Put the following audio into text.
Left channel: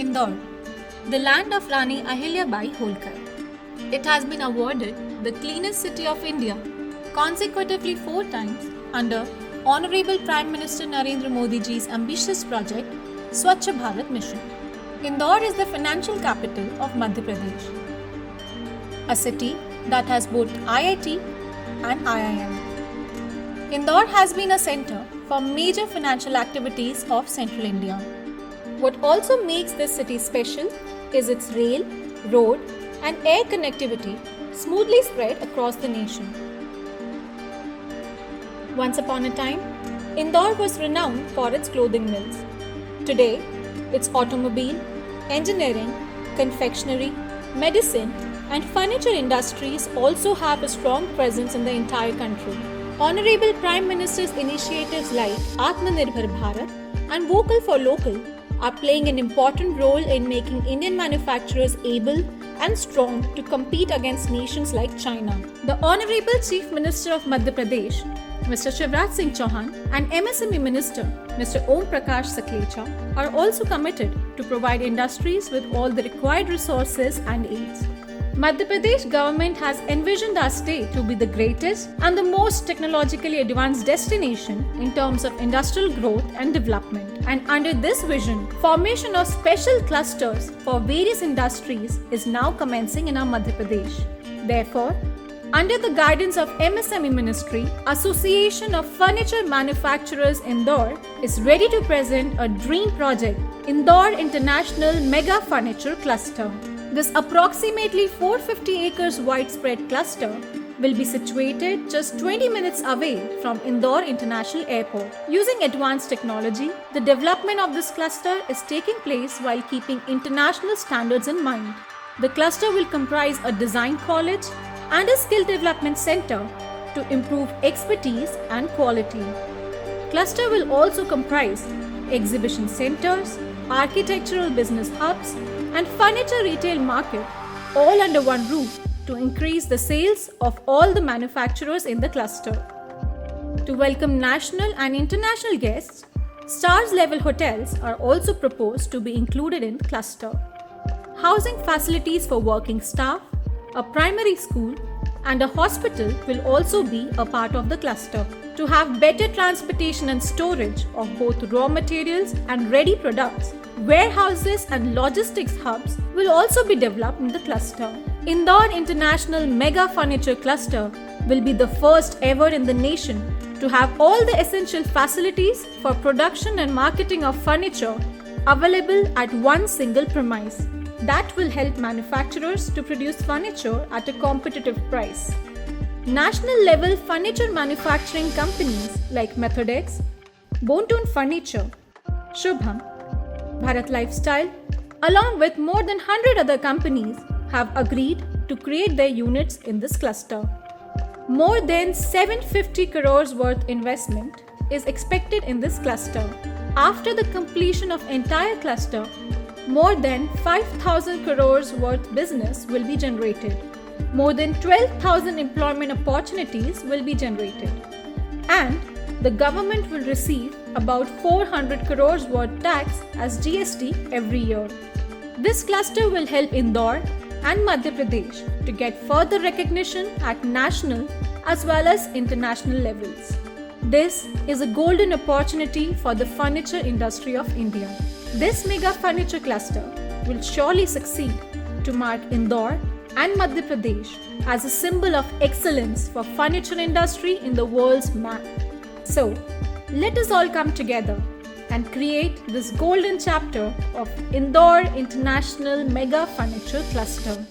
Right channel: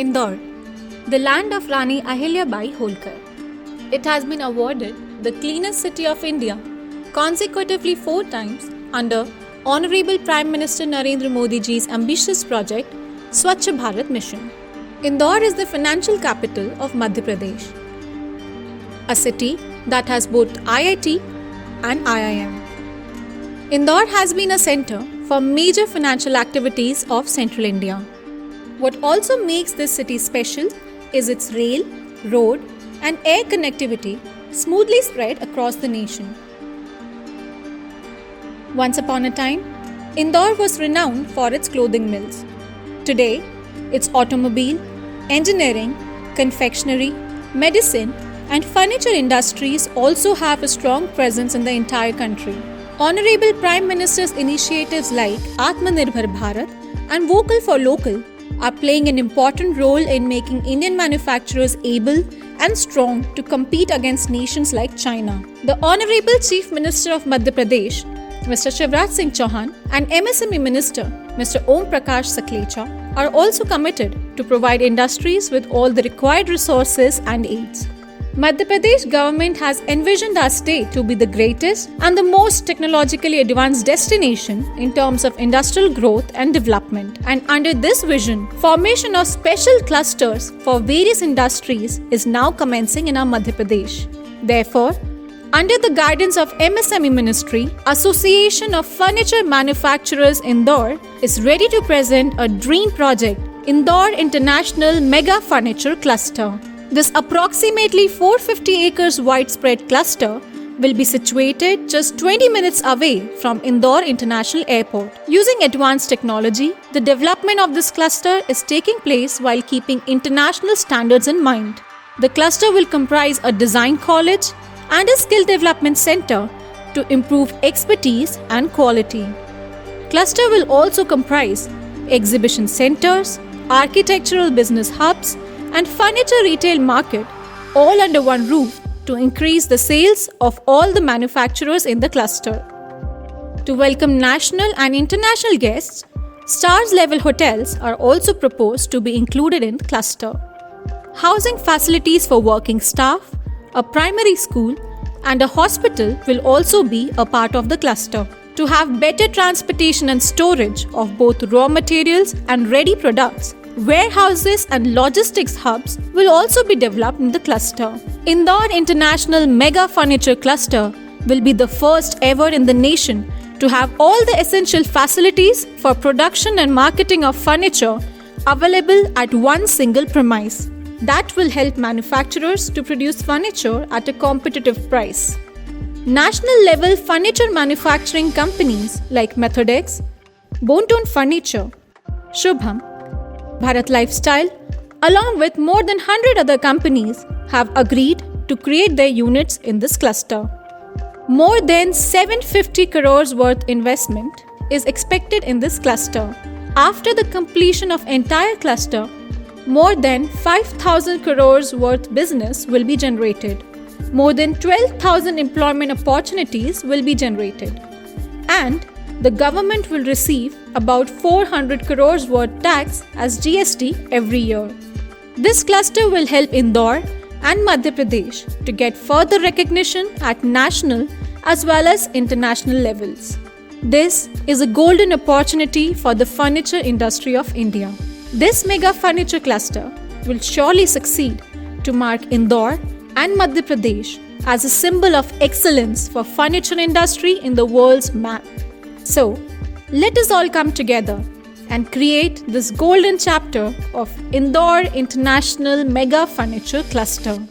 Indore, the land of Rani Ahilyabai Holkar. It has been awarded the cleanest city of India consecutively 4 times under Honorable Prime Minister Narendra Modi ji's ambitious project Swachh Bharat Mission. Indore is the financial capital of Madhya Pradesh, a city that has both IIT and IIM. Indore has been a center for major financial activities of Central India. What also makes this city special is its rail, road, and air connectivity smoothly spread across the nation. Once upon a time, Indore was renowned for its clothing mills. Today, its automobile, engineering, confectionery, medicine, and furniture industries also have a strong presence in the entire country. Honorable Prime Minister's initiatives like Atmanirbhar Bharat and Vocal for Local are playing an important role in making Indian manufacturers able and strong to compete against nations like China. The Honorable Chief Minister of Madhya Pradesh, Mr. Shivraj Singh Chauhan, and MSME Minister, Mr. Om Prakash Saklecha, are also committed to provide industries with all the required resources and aids. Madhya Pradesh government has envisioned our state to be the greatest and the most technologically advanced destination in terms of industrial growth and development. And under this vision, formation of special clusters for various industries is now commencing in our Madhya Pradesh. Therefore, under the guidance of MSME Ministry, Association of Furniture Manufacturers Indore is ready to present a dream project, Indore International Mega Furniture Cluster. This approximately 450 acres widespread cluster will be situated just 20 minutes away from Indore International Airport. Using advanced technology, the development of this cluster is taking place while keeping international standards in mind. The cluster will comprise a design college and a skill development center to improve expertise and quality. Cluster will also comprise exhibition centers, architectural business hubs, and furniture retail market all under one roof to increase the sales of all the manufacturers in the cluster. To welcome national and international guests, stars level hotels are also proposed to be included in the cluster. Housing facilities for working staff, a primary school, and a hospital will also be a part of the cluster. To have better transportation and storage of both raw materials and ready products, warehouses and logistics hubs will also be developed in the cluster. Indore International Mega Furniture Cluster will be the first ever in the nation to have all the essential facilities for production and marketing of furniture available at one single premise. That will help manufacturers to produce furniture at a competitive price. National level furniture manufacturing companies like Methodex, Bontone Furniture, Shubham, Bharat Lifestyle, along with more than 100 other companies, have agreed to create their units in this cluster. More than 750 crores worth investment is expected in this cluster. After the completion of entire cluster, more than 5,000 crores worth business will be generated. More than 12,000 employment opportunities will be generated. And the government will receive about 400 crores worth tax as GST every year. This cluster will help Indore and Madhya Pradesh to get further recognition at national as well as international levels. This is a golden opportunity for the furniture industry of India. This mega furniture cluster will surely succeed to mark Indore and Madhya Pradesh as a symbol of excellence for furniture industry in the world's map. So, let us all come together and create this golden chapter of Indore International Mega Furniture Cluster.